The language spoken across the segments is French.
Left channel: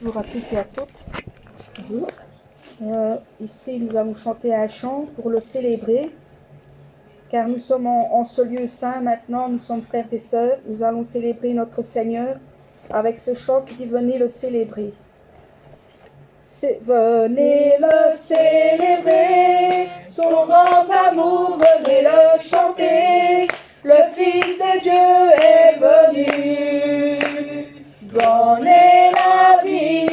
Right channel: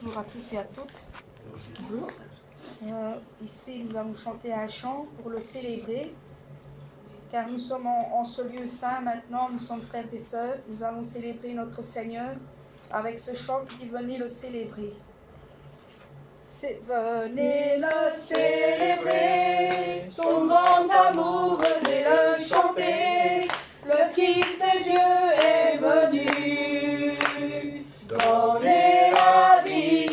Bonjour à tous et à toutes. Bonjour. Ici, nous allons chanter un chant pour le célébrer, car nous sommes en ce lieu saint maintenant, nous sommes frères et sœurs, nous allons célébrer notre Seigneur avec ce chant qui dit « Venez le célébrer ». Venez le célébrer, son grand amour, venez le chanter, le Fils de Dieu est venu, donner la vie,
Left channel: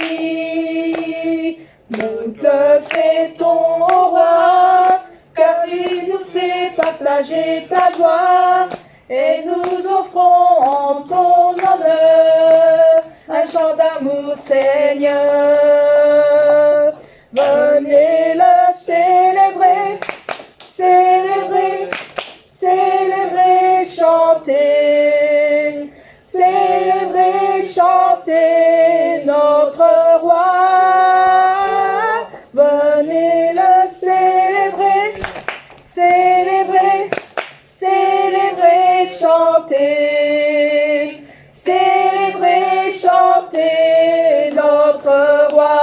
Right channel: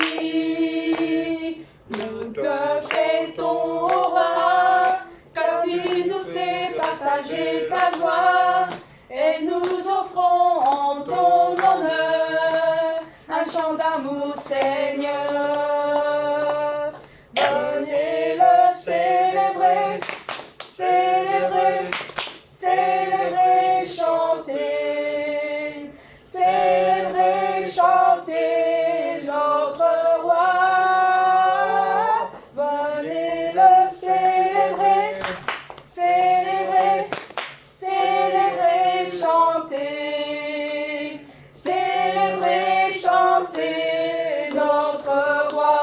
nous te fêtons au roi, car tu nous fais partager ta joie, et nous offrons en ton honneur un chant d'amour, Seigneur. Venez le célébrer, célébrer, célébrer, chanter, célébrer, chanter notre roi. Venez le célébrer, célébrer, célébrer, chanter, célébrer, chanter notre roi.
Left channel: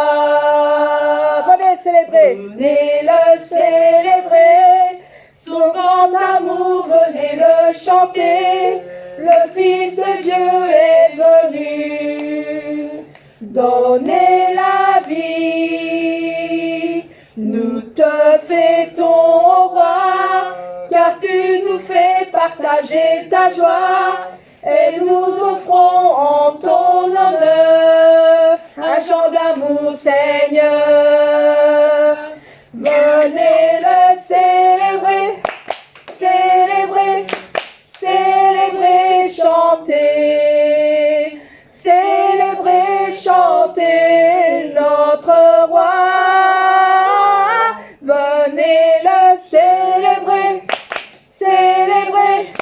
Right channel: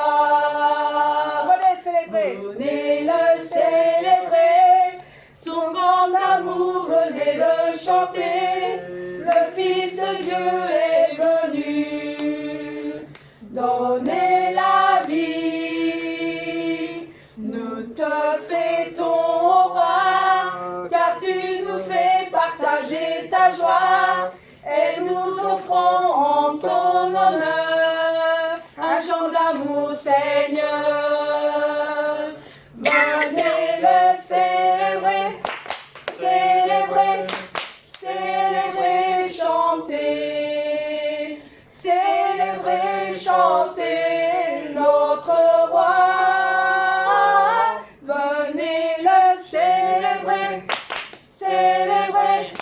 Venez le célébrer, son grand amour, venez le chanter, le Fils de Dieu est venu, donner la vie, nous te fêtons au roi, car tu nous fais partager ta joie, et nous offrons en ton honneur un chant d'amour, Seigneur. Venez le célébrer, célébrer, célébrer, chanter, célébrer, chanter notre roi. Venez le célébrer, célébrer,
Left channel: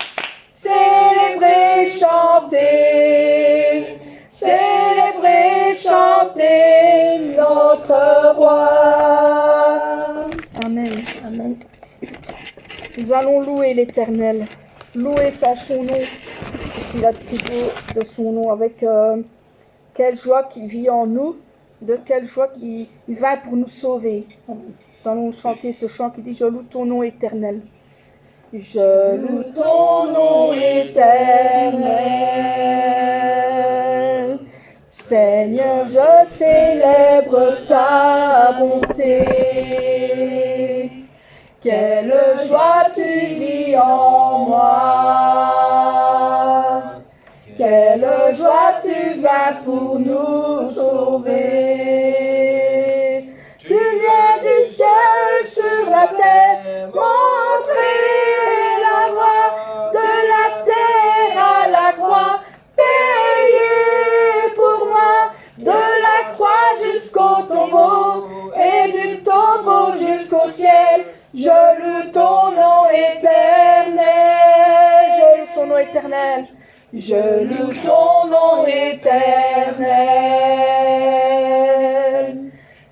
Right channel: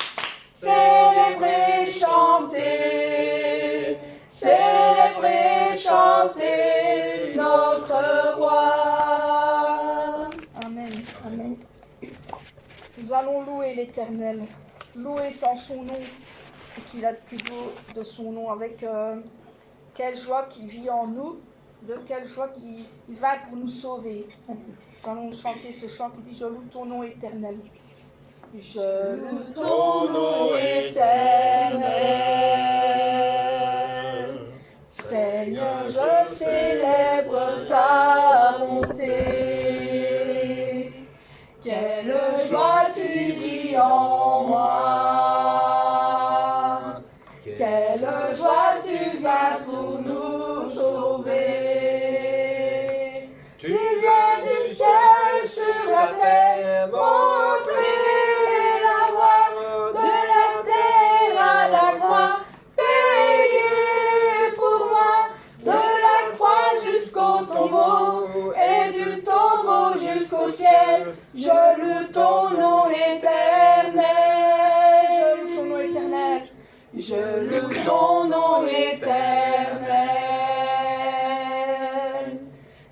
célébrer, chanter, célébrer, chanter notre roi. Amen, amen. Nous allons louer l'Éternel, louer son nom, qu'il a privé de son nom, avec quelle joie qu'il vit en nous, de quelle joie qu'il va pour nous sauver. Nous allons chanter ce chant qui dit « Je loue ton nom éternel ». Je loue ton nom éternel, Seigneur, je célèbre ta bonté. Quelle joie tu vis en moi, quelle joie tu vas pour nous sauver. Tu viens du ciel sur la terre, montrer la voie, de la terre à la croix, payer pour moi, de la croix jusqu'au tombeau, et du tombeau jusqu'au ciel. Je loue ton nom éternel, je loue son nom éternel, je loue ton nom éternel.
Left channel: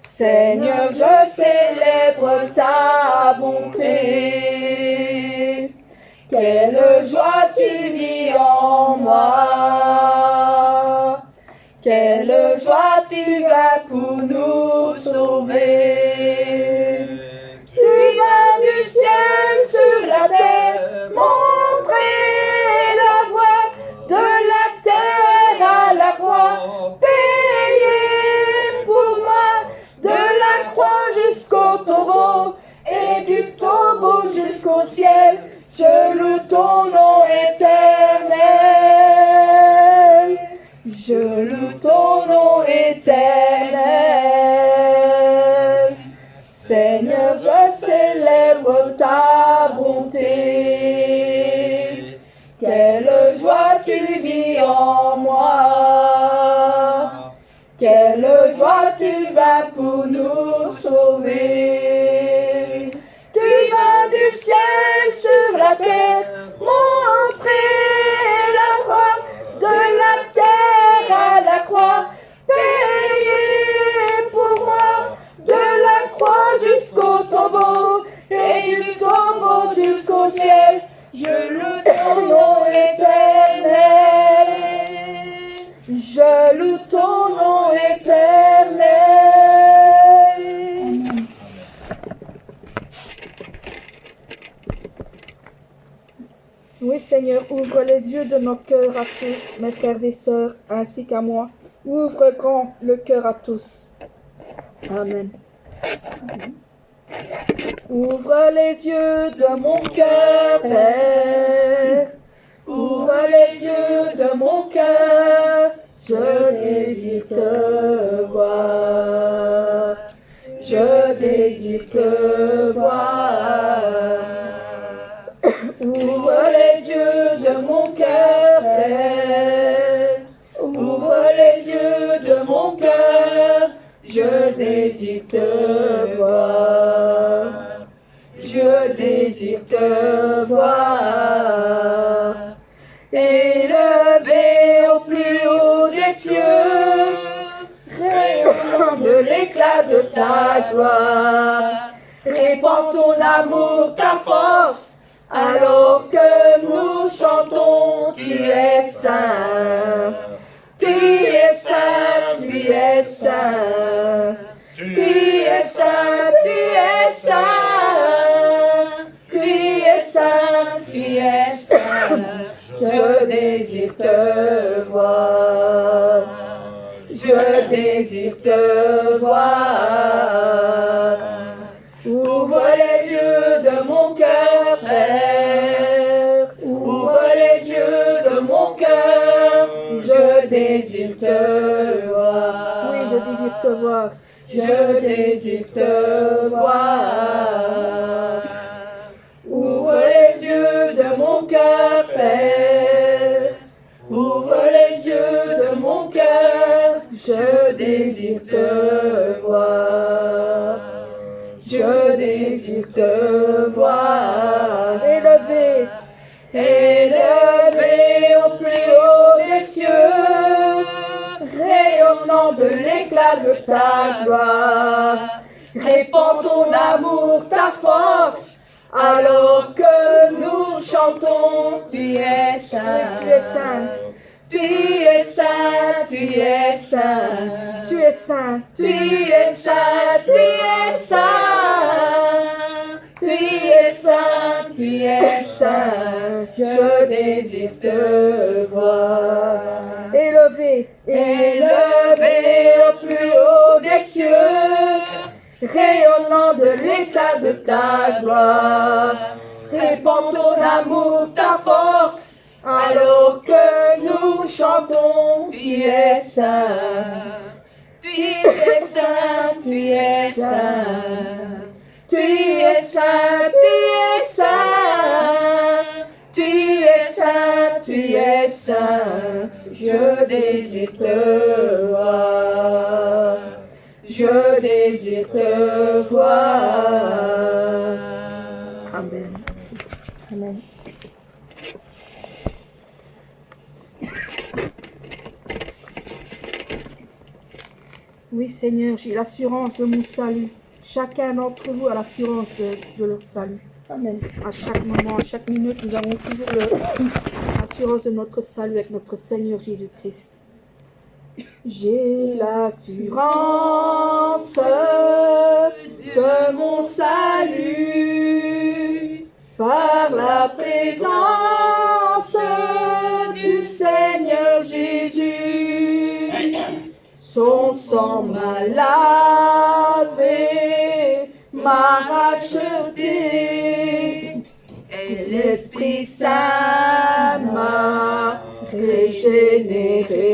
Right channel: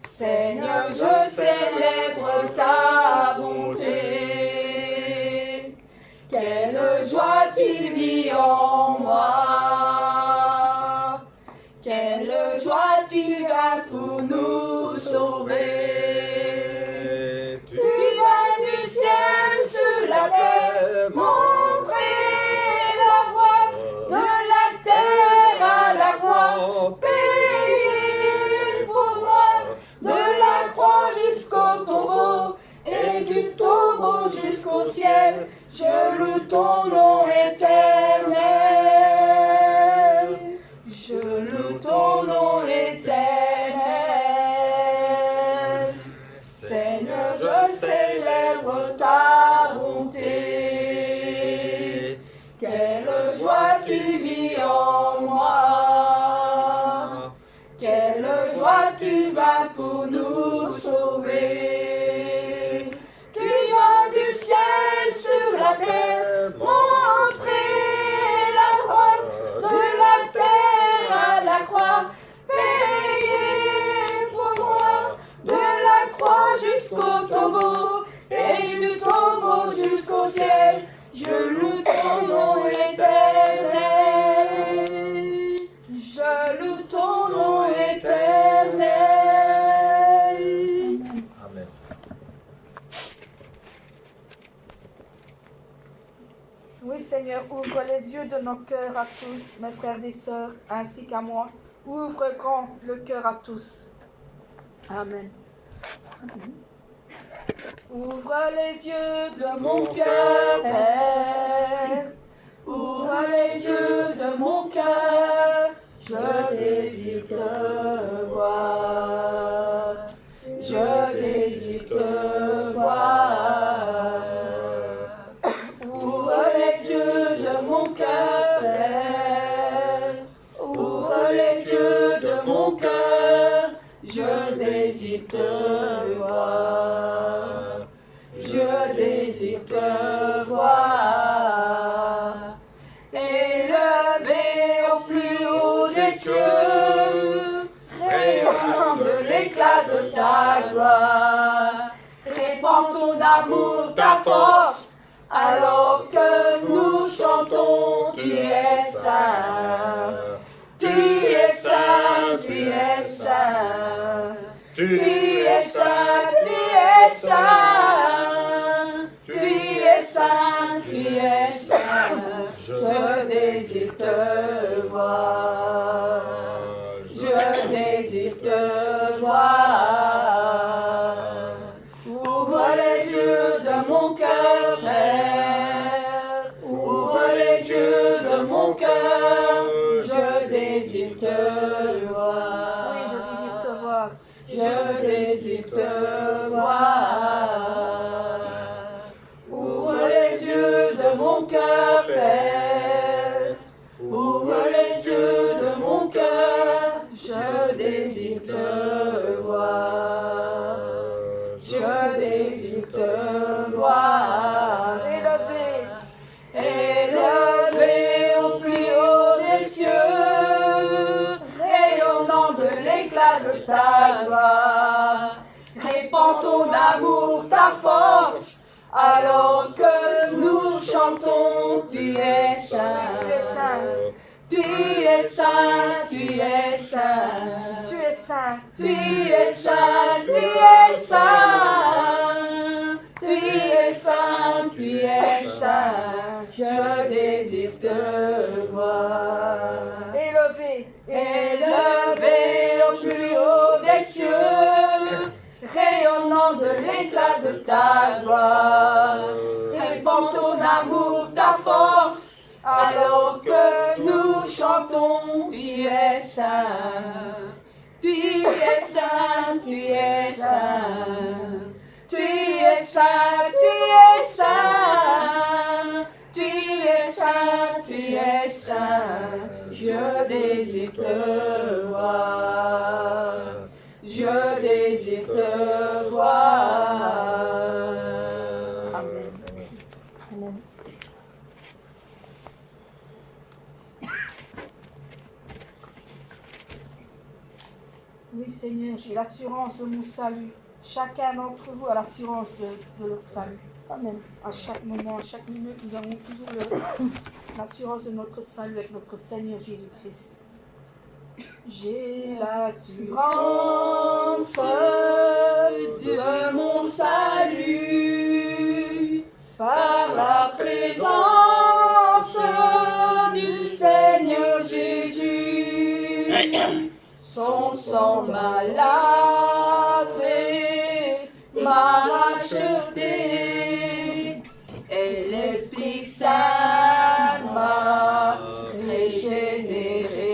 Seigneur, je célèbre ta bonté. Quelle joie tu vis en moi, quelle joie tu vas pour nous sauver. Montrer la voie, de la terre à la croix, payer pour moi, de la croix jusqu'au tombeau, et du tombeau jusqu'au ciel. Je loue ton nom éternel, je loue ton nom éternel. Seigneur, je célèbre ta bonté. Quelle joie tu vis en moi, quelle joie tu vas pour nous sauver. Tu vas du ciel sur la terre, montrer la voie, de la terre à la croix, payer pour moi, de la croix jusqu'au tombeau, et du tombeau jusqu'au ciel. Je loue ton nom éternel, je loue ton nom éternel. Seigneur, ouvre les yeux de nos cœurs à tous, mes frères et sœurs, ainsi qu'à moi. Ouvre grand le cœur à tous. Amen. Ouvre les yeux de mon cœur, Père. Ouvre les yeux de mon cœur. Je désire te voir. Je désire te voir. Ouvre les yeux de mon cœur, Père. Ouvre les yeux de mon cœur. Je désire te voir. Je désire te voir. Élevé au plus haut des cieux, rayonnant de l'éclat de ta gloire, répands ton amour, ta force, alors que nous chantons, tu es saint, tu es saint, tu es saint, tu es saint, tu es saint, tu es saint, tu es saint. Je désire te voir, je désire te voir. Ouvre les yeux de mon cœur, Père, ouvre les yeux de mon cœur, je désire te voir. Oui, je désire te voir, je désire te voir. Ouvre les yeux de mon cœur, Père, ouvre les yeux de mon cœur, je désire te voir, je désire te voir. Élevé, élevé au plus haut des cieux, rayonnant de l'éclat de ta gloire, répands ton amour, ta force, alors que nous chantons, tu es saint, tu es saint, tu es saint, tu es saint, tu es saint, tu es saint, tu es saint, tu es saint, tu es saint, je désire te voir. Élevé, élevé au plus haut des cieux, rayonnant de l'éclat de ta gloire, répands ton amour, ta force, alors que nous chantons, tu es saint, tu es saint, tu es saint, tu es saint, tu es saint, tu es saint, tu es saint, je désire te voir. Je désire te voir. Amen. Amen. Oui, Seigneur, j'ai l'assurance de mon salut. Chacun d'entre nous a l'assurance de leur salut. Amen. À chaque moment, à chaque minute, nous avons toujours l'assurance de notre salut avec notre Seigneur Jésus-Christ. J'ai l'assurance de mon salut par la présence du Seigneur Jésus. Son sang m'a lavé, m'a racheté, et l'Esprit Saint m'a régénéré.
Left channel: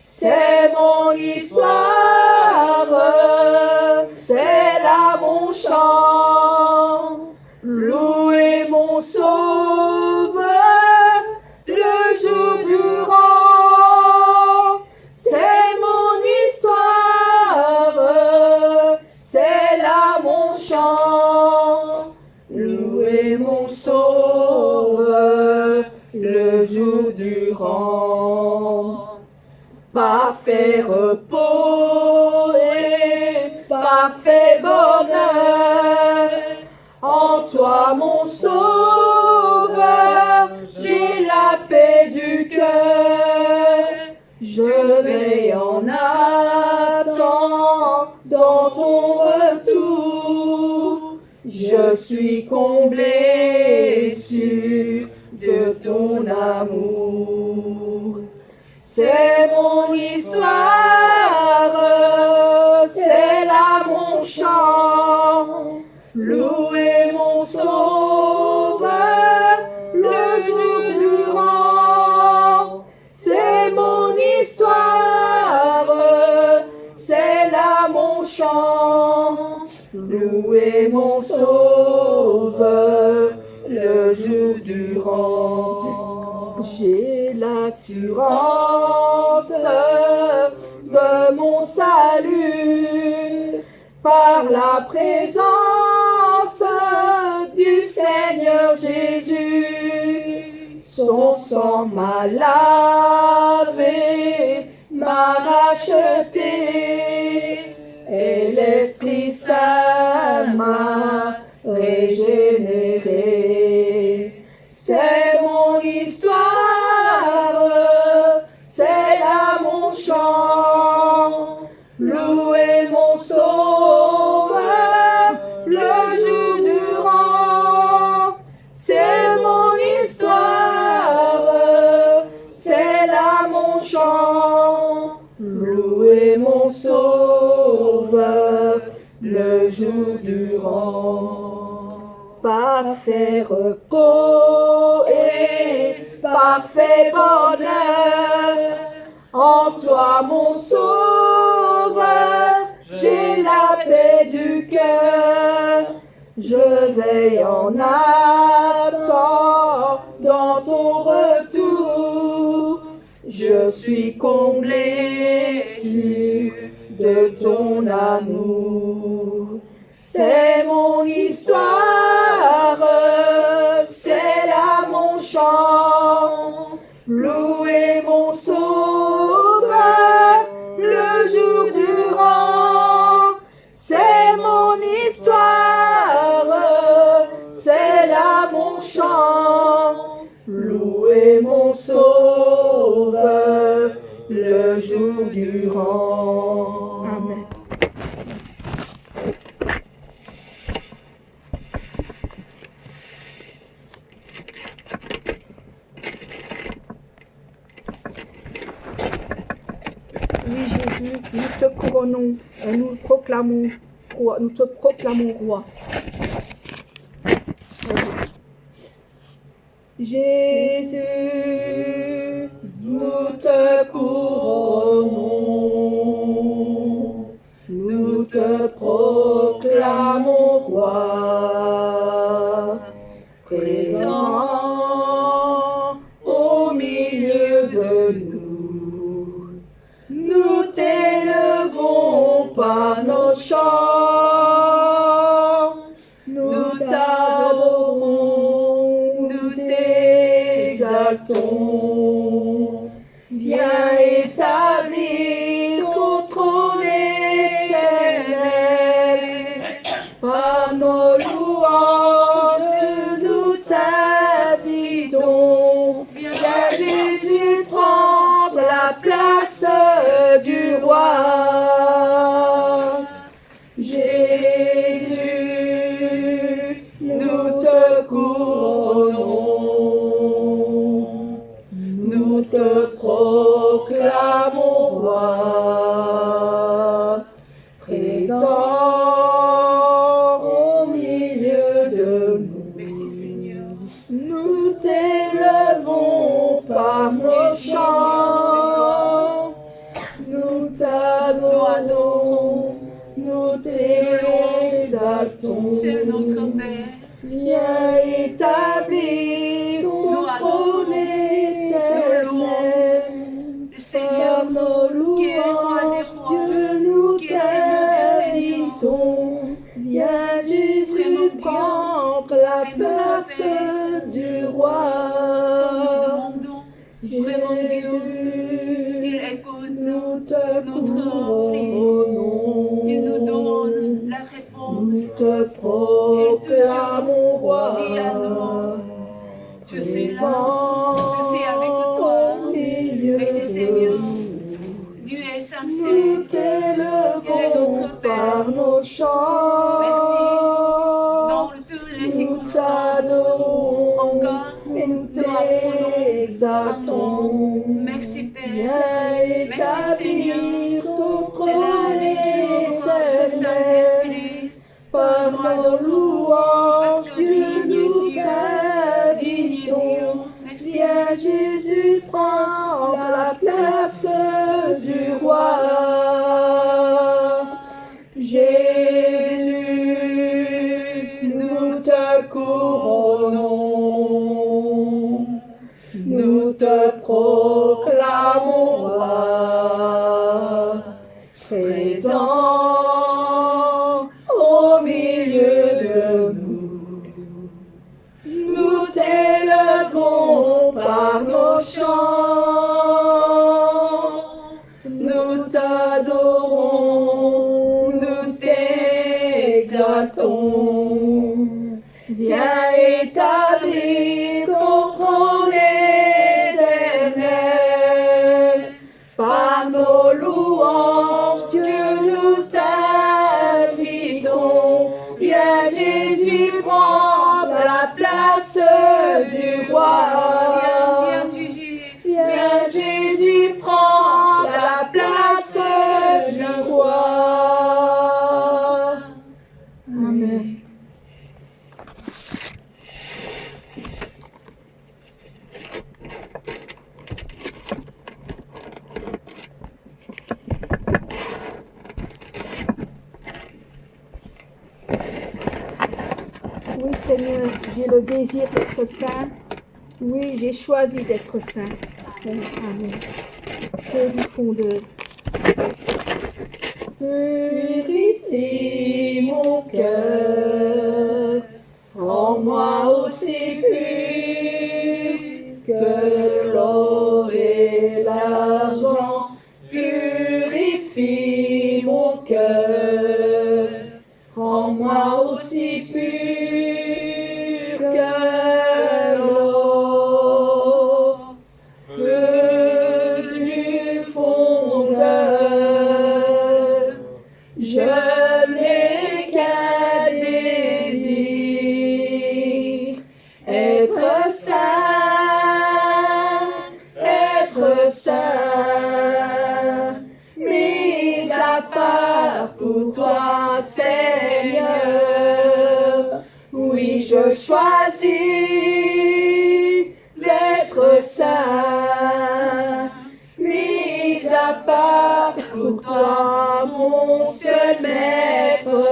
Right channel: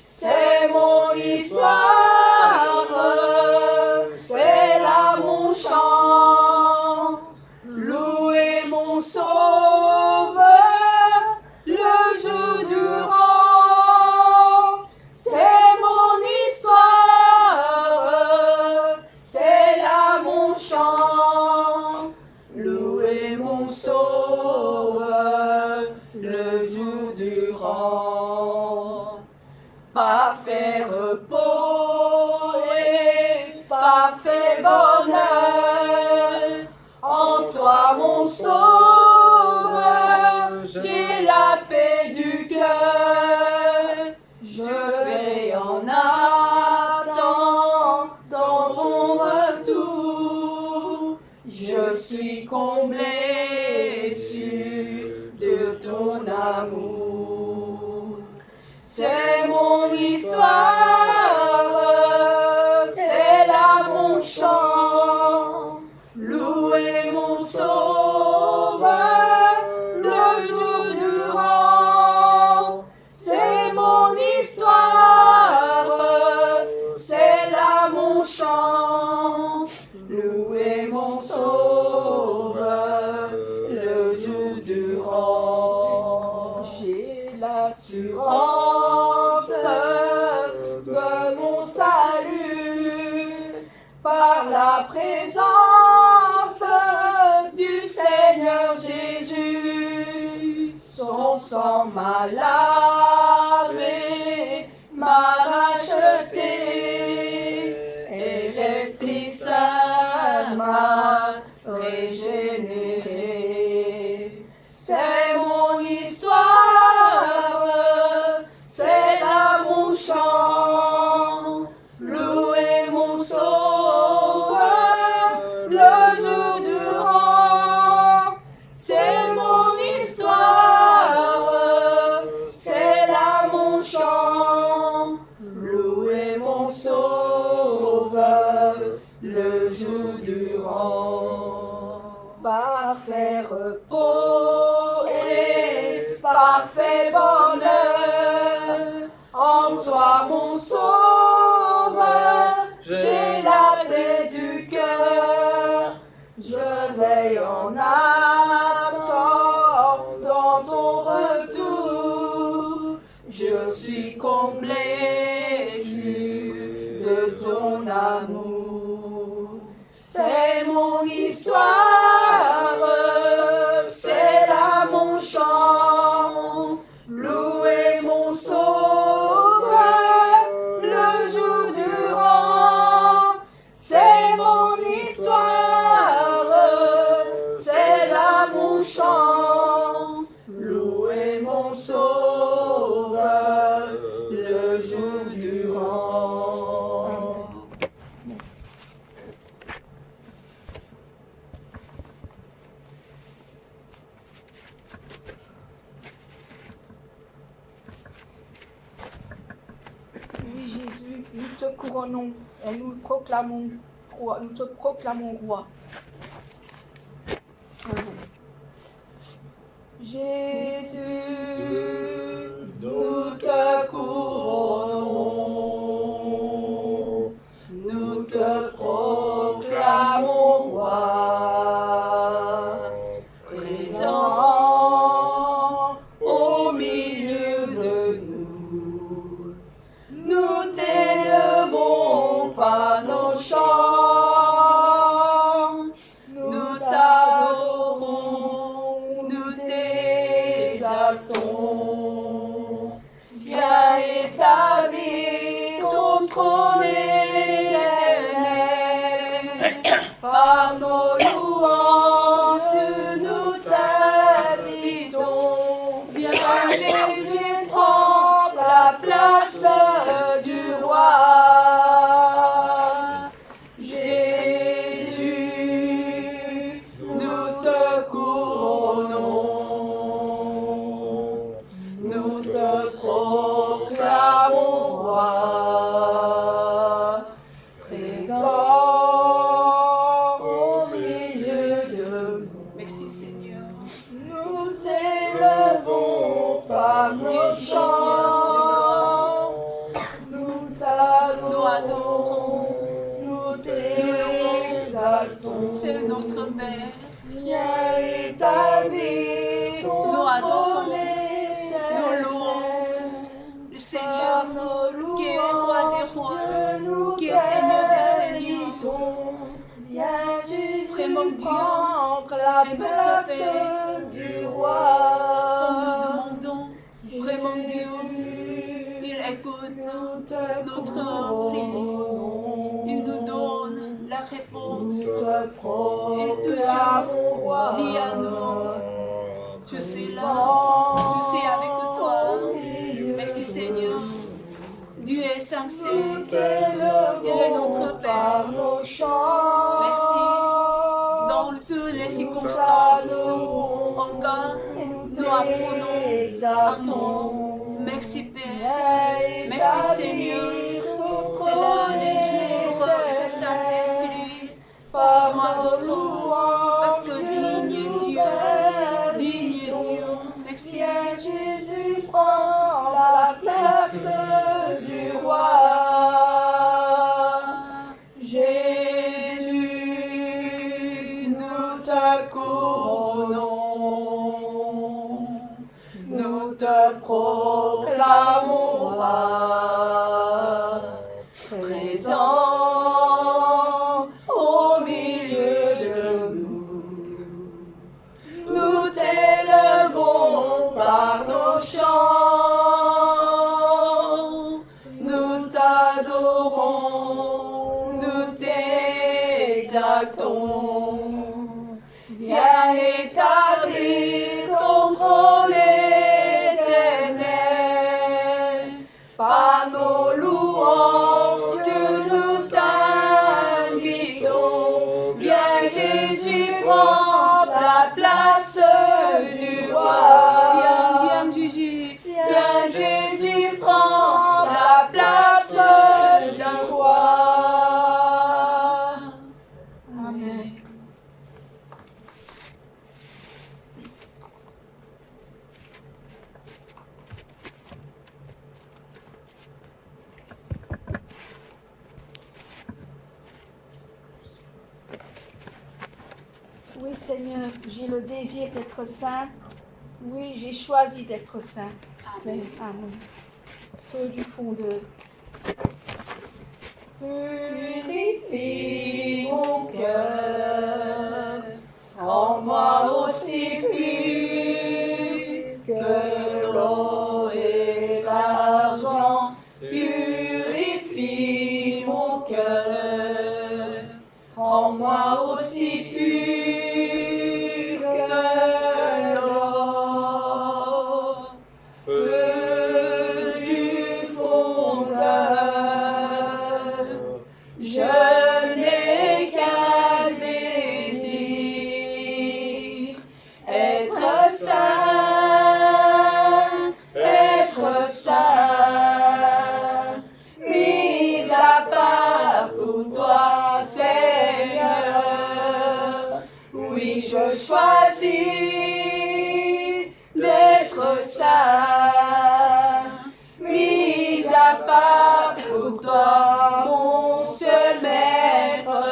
C'est mon histoire, c'est là mon chant, louer mon Sauveur le jour durant. C'est mon histoire, c'est là mon chant, louer mon Sauveur le jour durant. Parfait repos et parfait bonheur, en toi mon Sauveur, j'ai la paix du cœur. Je vais en attendre dans ton retour, je suis comblé, sûr histoire, c'est là mon chant. Louez mon sauveur, le jour durant. C'est mon histoire, c'est là mon chant. Louez mon sauveur, le jour durant. J'ai l'assurance de mon salut par la présence du Seigneur Jésus. Son sang m'a lavé, m'a racheté, et l'Esprit Saint m'a régénéré. C'est mon histoire, c'est là mon chant. Louez mon sauveur, le jour durant. C'est mon histoire, c'est là mon chant. Louez mon sauveur, le jour durant. Parfait repos et parfait bonheur, en toi mon sauveur, j'ai la paix du cœur. Je veille en attendant ton retour. Je suis comblé sûr de ton amour. C'est mon histoire, c'est là mon chant. Louez mon sauveur, le jour durant. C'est mon histoire, c'est là mon chant. Louez mon sauveur, le jour durant. Amen. Oui, Jésus, nous te couronnons et nous te proclamons roi. Jésus, nous te couronnons, nous te proclamons roi, présent au milieu de nous. Nous t'élevons par nos chants, nous t'adorons, nous t'exaltons. Viens établir ton trône éternel, par nos louanges nous t'invitons. Viens Jésus prendre la place du roi. Jésus, nous te couronnons, nous te proclamons roi, présent au milieu de nous. Merci Seigneur. Nous t'élevons par nos chants, nous t'adorons, nous t'exaltons. C'est notre Père. Viens établir ton trône éternel. Le Seigneur Par nos qui est roi des louanges, rois, Dieu, nous qui est Seigneur des seigneurs. t'invitons. Viens Jésus Vraiment Dieu, prendre la et notre place Père. du roi. Nous demandons vraiment Dieu, il écoute Nous te notre couronnons, il nous donne la réponse. nous te proclamons roi. Dis à nous, je suis là, je suis avec toi. Merci Seigneur, Dieu est Nous sincère, t'élevons il est notre par Père. nos chants. Merci. Dans toutes les Nous circonstances, t'adorons encore, et nous nous apprenons t'exaltons. Merci Père. Viens Merci présent au milieu de nous. Nous t'élevons par nos chants, nous t'adorons, nous t'exaltons. Viens établir ton trône éternel, par nos louanges, Dieu, nous t'invitons. Viens Jésus, prends la place du roi. Viens Jésus, viens Jésus, prends la place du roi. Amen. Oui, Seigneur, j'ai le désir d'être saint. Oui, j'ai choisi d'être saint. Amen. Au du fond de... Purifie mon cœur, rends-moi aussi pur que l'or et l'argent. Purifie mon cœur, rends-moi aussi pur que l'or. Feu du fondeur, je n'ai qu'un désir, être saint, mis à part pour toi, Seigneur. Oui, je choisis d'être saint, mis à part pour toi, mon seul maître,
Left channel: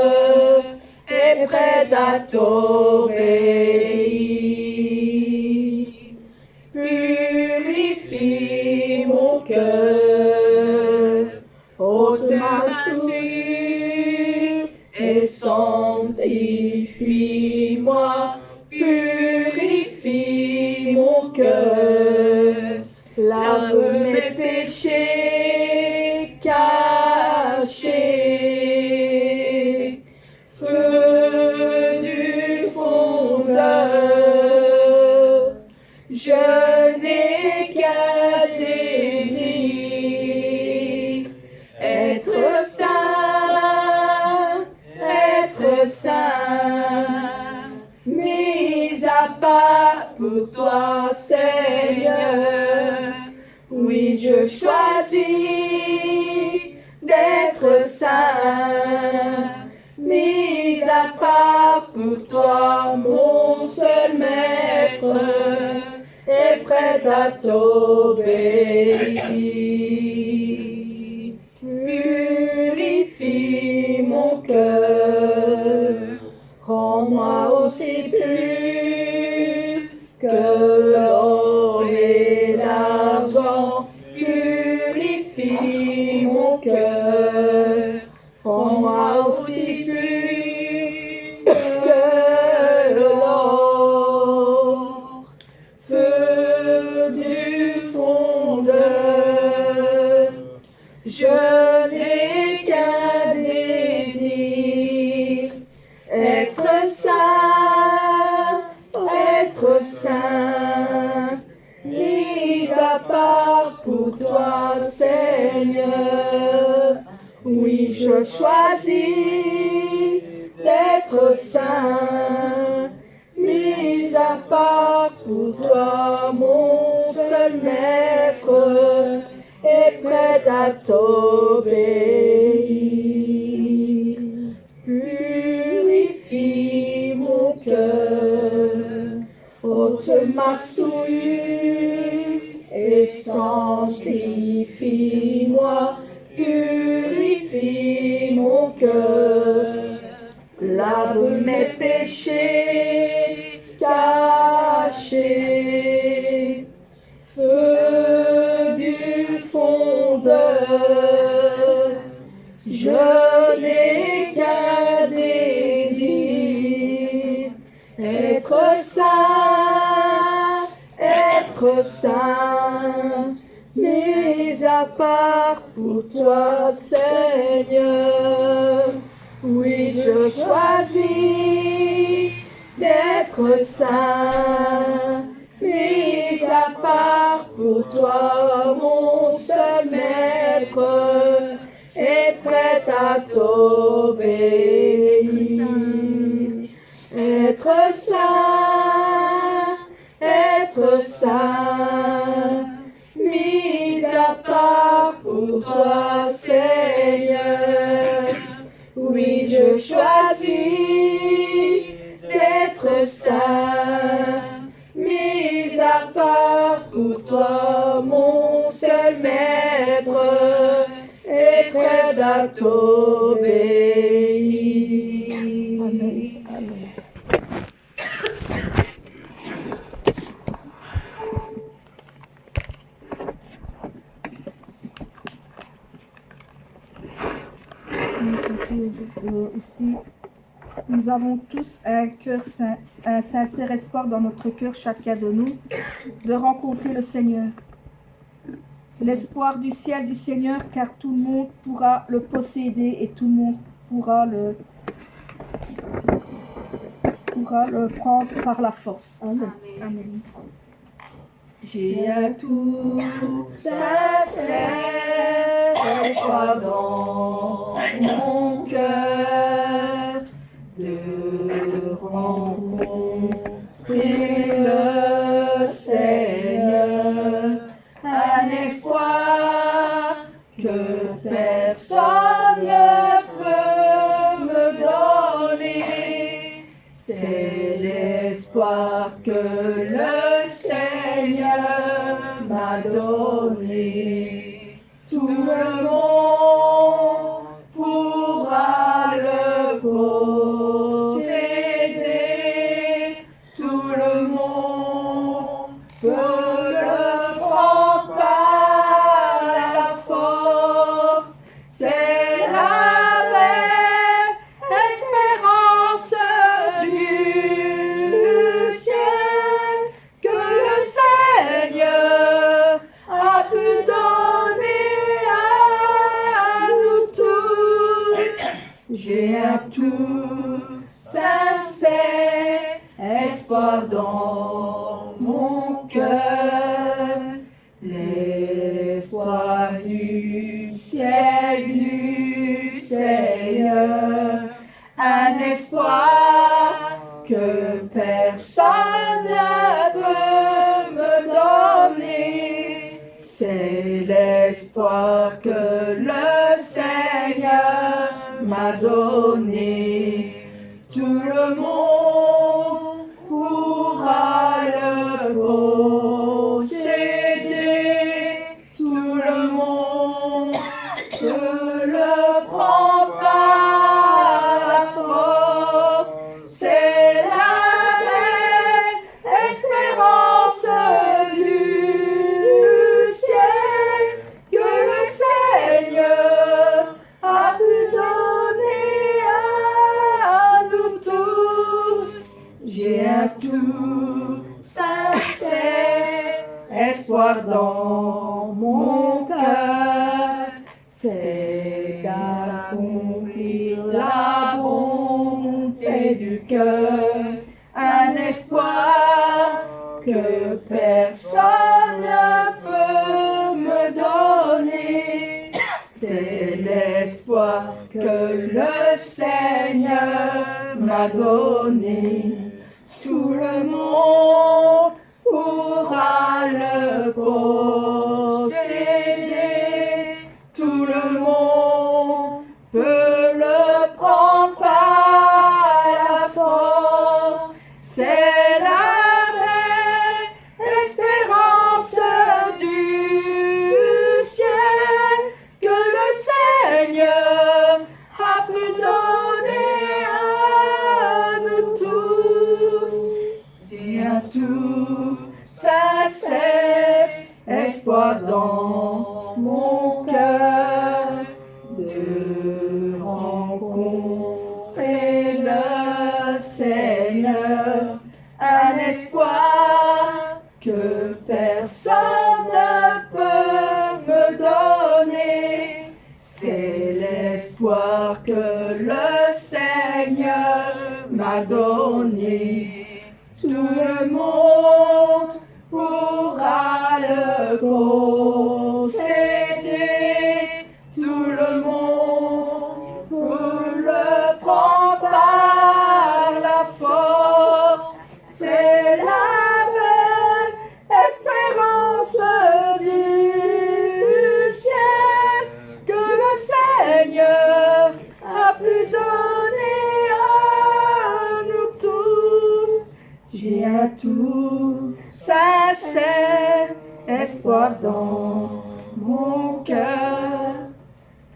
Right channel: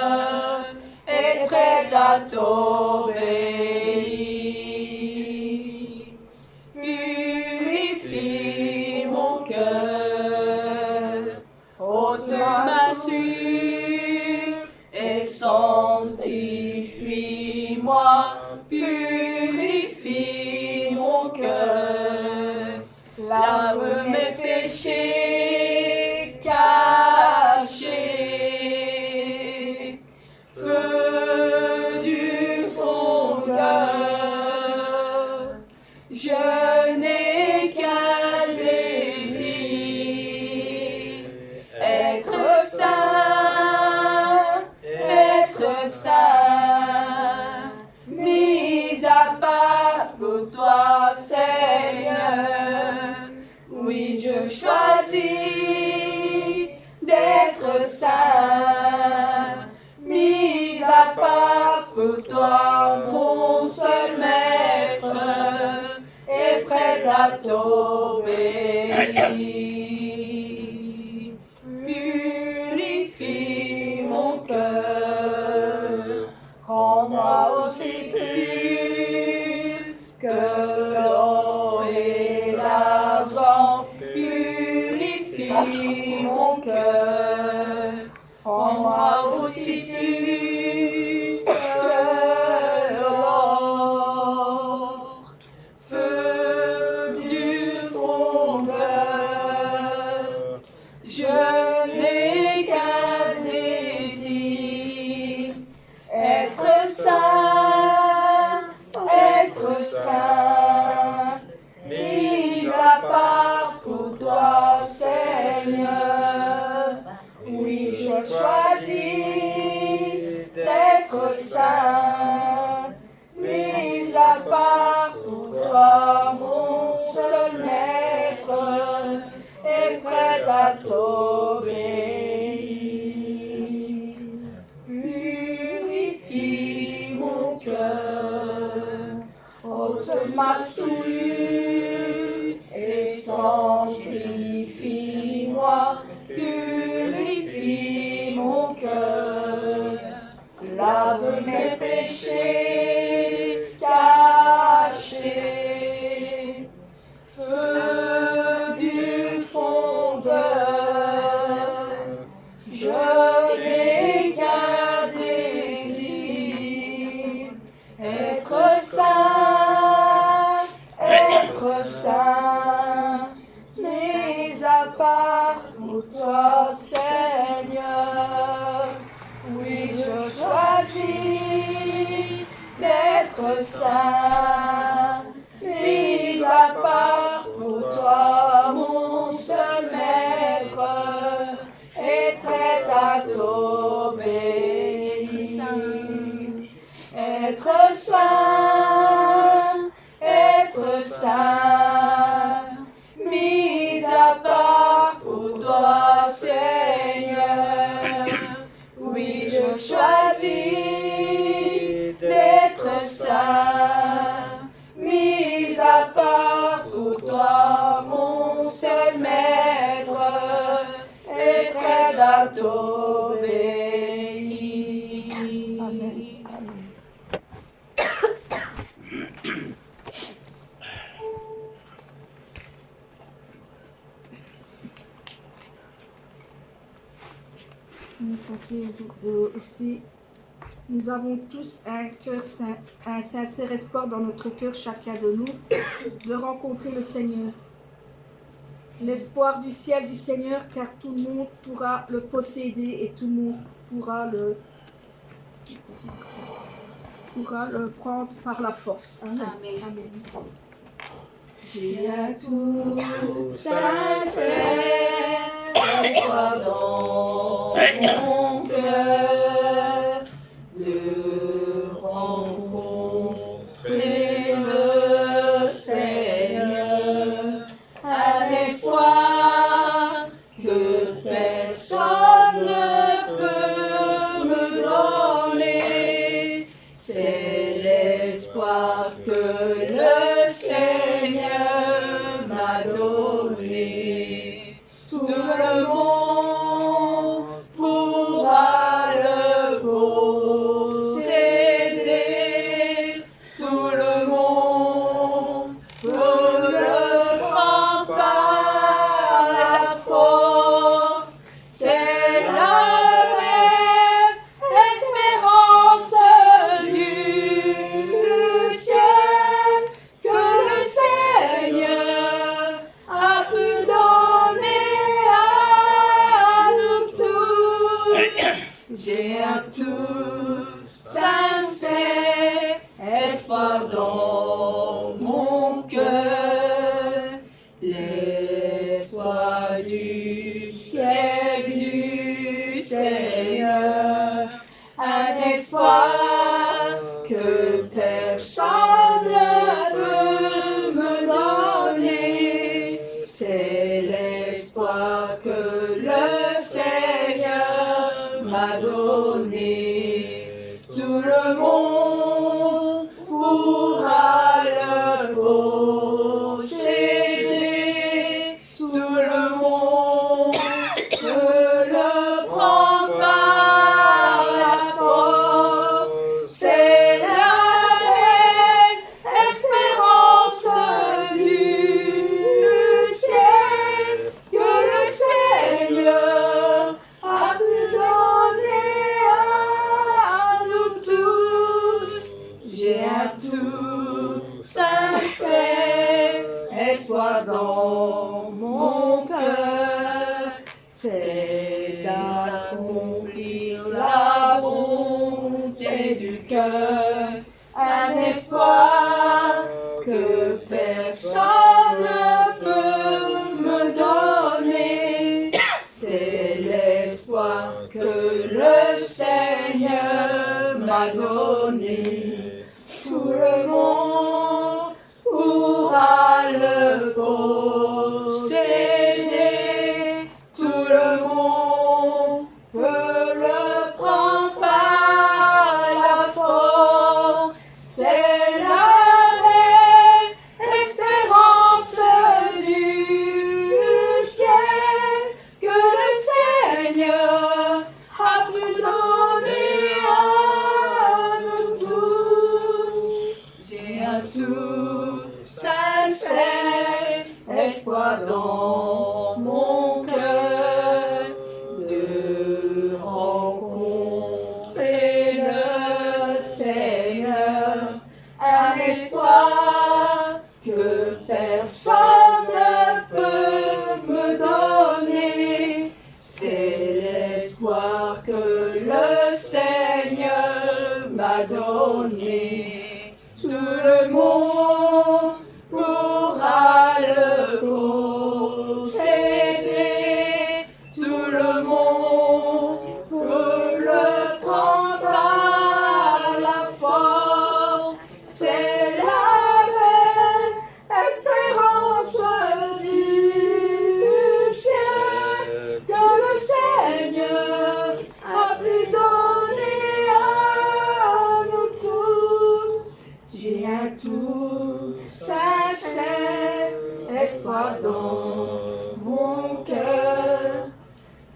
et prêt à t'obéir. Purifie mon cœur, ôte ma souillure et sanctifie-moi. Purifie mon cœur, lave mes péchés cachés. Feu du fondeur, je n'ai qu'un désir, être saint, mis à part pour toi, Seigneur. Oui, je choisis d'être saint, mis à part pour toi, mon seul maître, et prêt à t'obéir. Purifie mon cœur, rends-moi aussi pur que l'or et l'argent. Purifie mon cœur, rends-moi aussi pur que l'or. Feu du fondeur, je n'ai qu'un désir, être saint, mis à part pour toi, Seigneur. Oui, je choisis d'être saint, mis à part pour toi, mon seul maître, et prêt à t'obéir. Purifie mon cœur, ôte ma souillure et sanctifie-moi. Purifie mon cœur, lave mes péchés cachés. Feu du fondeur, Je n'ai qu'un désir, être saint, mis à part pour toi, Seigneur. Oui, je choisis d'être saint, mis à part pour toi, mon seul maître, et prêt à t'obéir. Être saint, mis à part pour toi, Seigneur. Oui, je choisis d'être saint, mis à part pour toi, mon seul maître, et prêt à t'obéir. Amen. Amen. Aussi, nous avons tous un cœur saint, un sincère espoir dans notre cœur, chacun de nous, de rencontrer le Seigneur. L'espoir du ciel du Seigneur, car tout le monde pourra le posséder et tout le monde pourra le prendre par la force. Amen. Amen. J'ai un tout sincère espoir dans mon cœur de rencontrer le Seigneur, un espoir que personne ne peut me donner, c'est l'espoir que le Seigneur m'a donné. Tout le monde pourra le posséder, tout le monde peut le prendre par la force. C'est la vraie espérance du ciel que le Seigneur a pu donner à nous tous. J'ai un tout sincère espoir dans mon cœur, l'espoir du ciel du Seigneur, un espoir que personne ne peut me donner, c'est l'espoir que le Seigneur m'a donné. Tout le monde pourra le posséder, tout le monde peut le prendre par la force. C'est la vraie espérance du ciel que le Seigneur a pu donner à nous tous. J'ai un tout sincère espoir dans mon cœur, c'est d'accomplir la bonté du cœur, un espoir que personne ne peut me donner, c'est l'espoir que le Seigneur m'a donné. Tout le monde pourra le posséder, tout le monde peut le prendre par la force. C'est la vraie espérance du ciel que le Seigneur a pu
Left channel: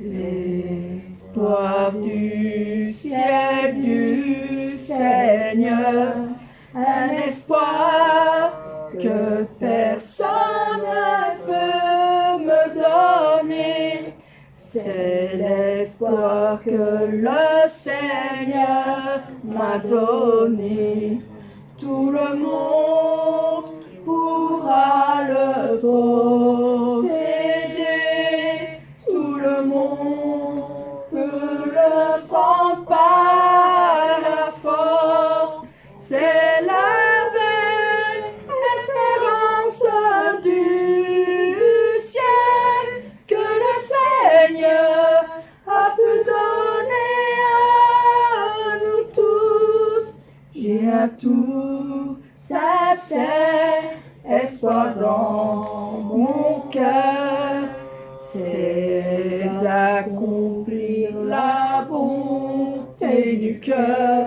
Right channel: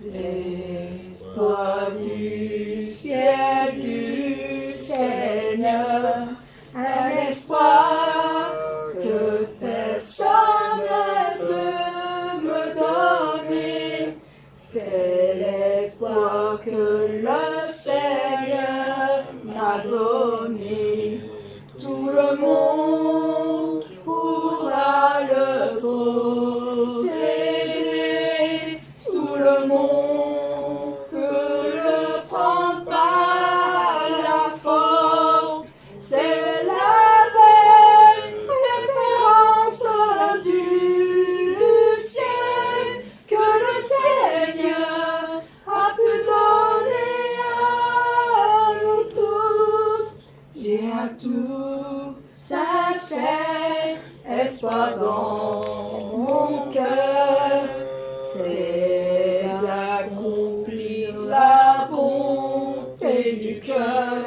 L'espoir du ciel du Seigneur, un espoir que personne ne peut me donner. C'est l'espoir que le Seigneur m'a donné. Tout le monde pourra le posséder. Tout le monde peut le prendre par la force. C'est la belle espérance du ciel que le Seigneur a pu donner à nous tous. J'ai un tout sincère espoir dans mon cœur, c'est d'accomplir la bonté du cœur,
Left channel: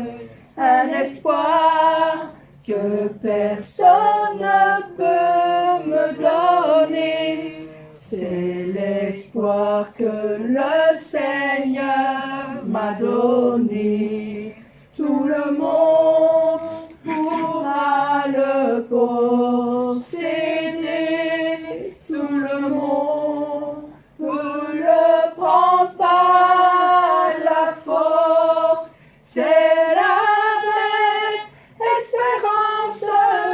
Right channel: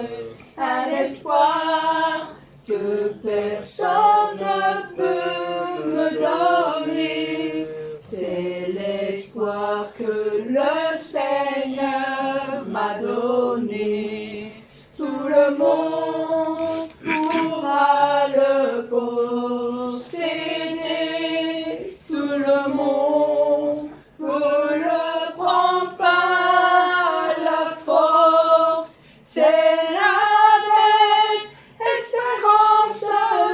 un espoir que personne ne peut me donner. C'est l'espoir que le Seigneur m'a donné. Tout le monde pourra le posséder. Tout le monde peut le prendre par la force. C'est la belle espérance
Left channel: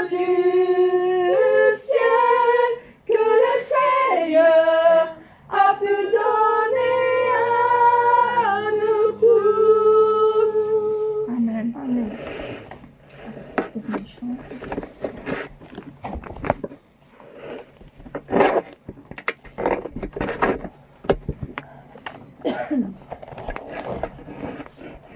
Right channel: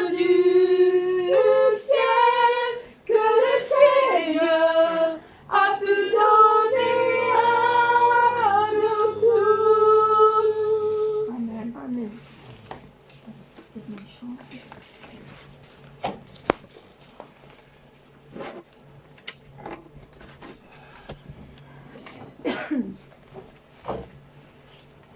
du ciel que le Seigneur a pu donner à nous tous. Amen. Amen.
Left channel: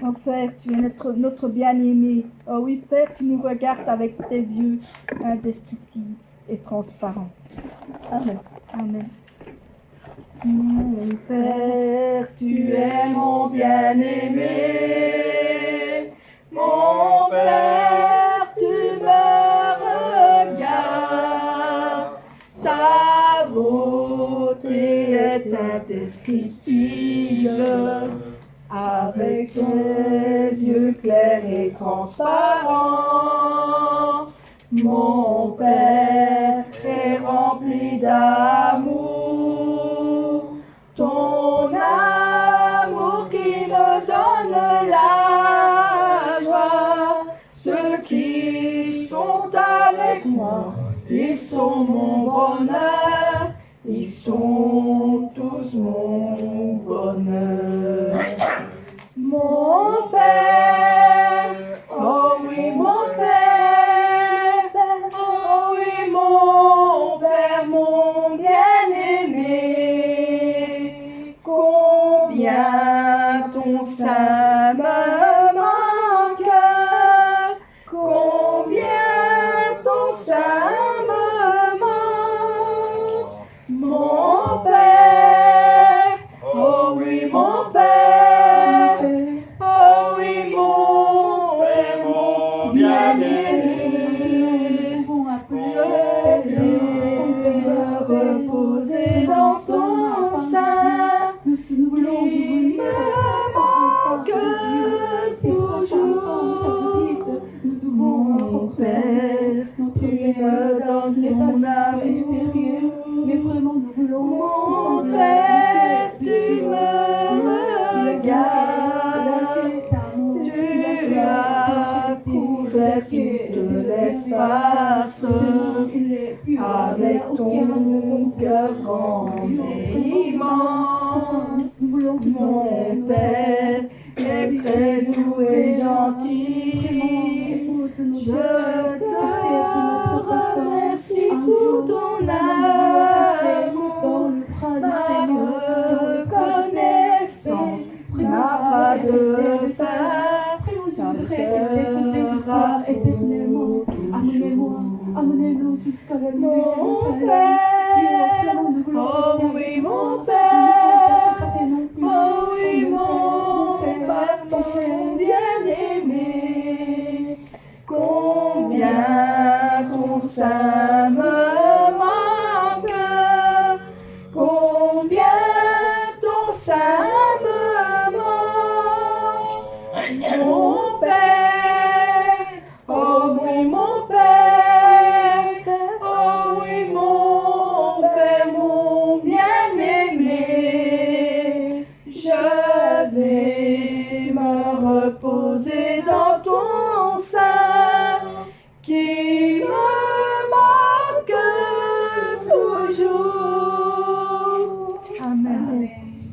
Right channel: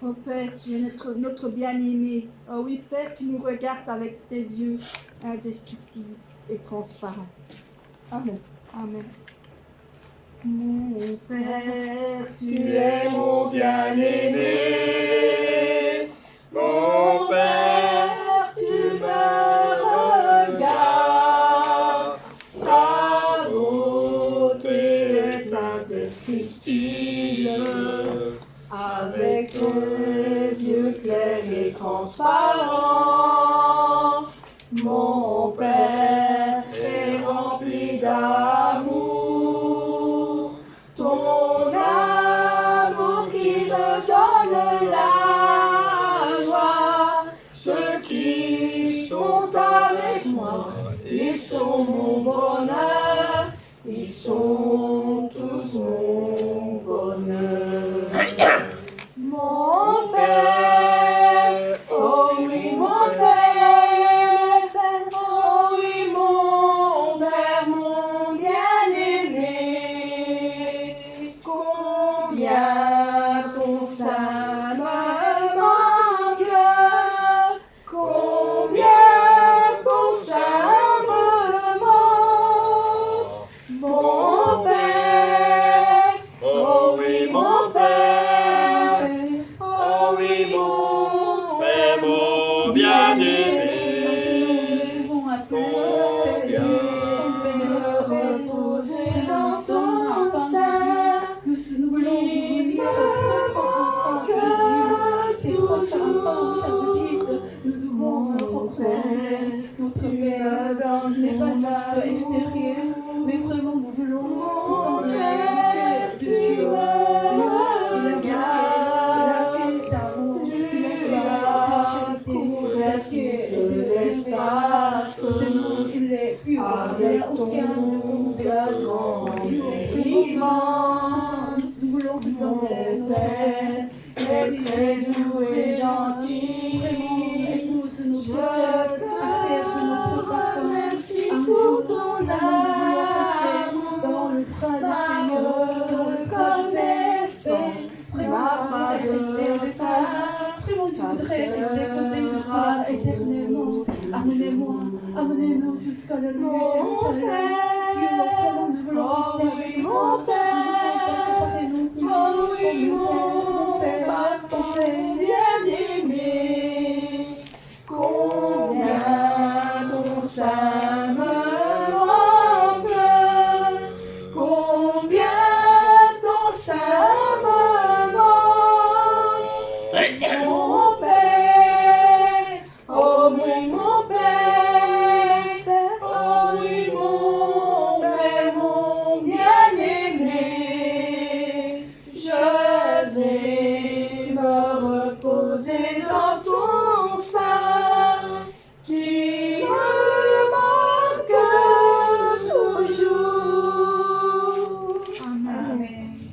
Oh Père, tu es notre bien-aimé. Oh oui, Père, tu nous regardes avec tes yeux indestructibles et transparents. Amen. Amen. Mon Père, tu es mon bien-aimé. Mon Père, tu me regardes. Ta beauté est indescriptible. Avec tes yeux clairs et transparents, mon Père est rempli d'amour. Ton amour qui me donne la joie. Ceux qui sont avec moi, ils sont mon bonheur. Ils sont tous mon bonheur. Mon Père, oh oui mon Père, oh oui mon Père, mon bien-aimé, combien ton sein me manque, combien ton sein me manque, mon Père, oh oui mon Père. Reposer dans ton sein, nous voulons que toujours, mon Père, tu me donnes ton amour, mais vraiment nous voulons, mon Père, tu me regardes, tu as couvert tout l'espace. Avec ton cœur grand et immense, mon Père est très doux et gentil. Je te remercie pour ton amour, ma reconnaissance n'a pas de fin. Ça sera éternellement. Amenez-nous jusqu'à la nuit. Mon Père, oh oui mon Père, oh oui mon Père, bien-aimé. Oser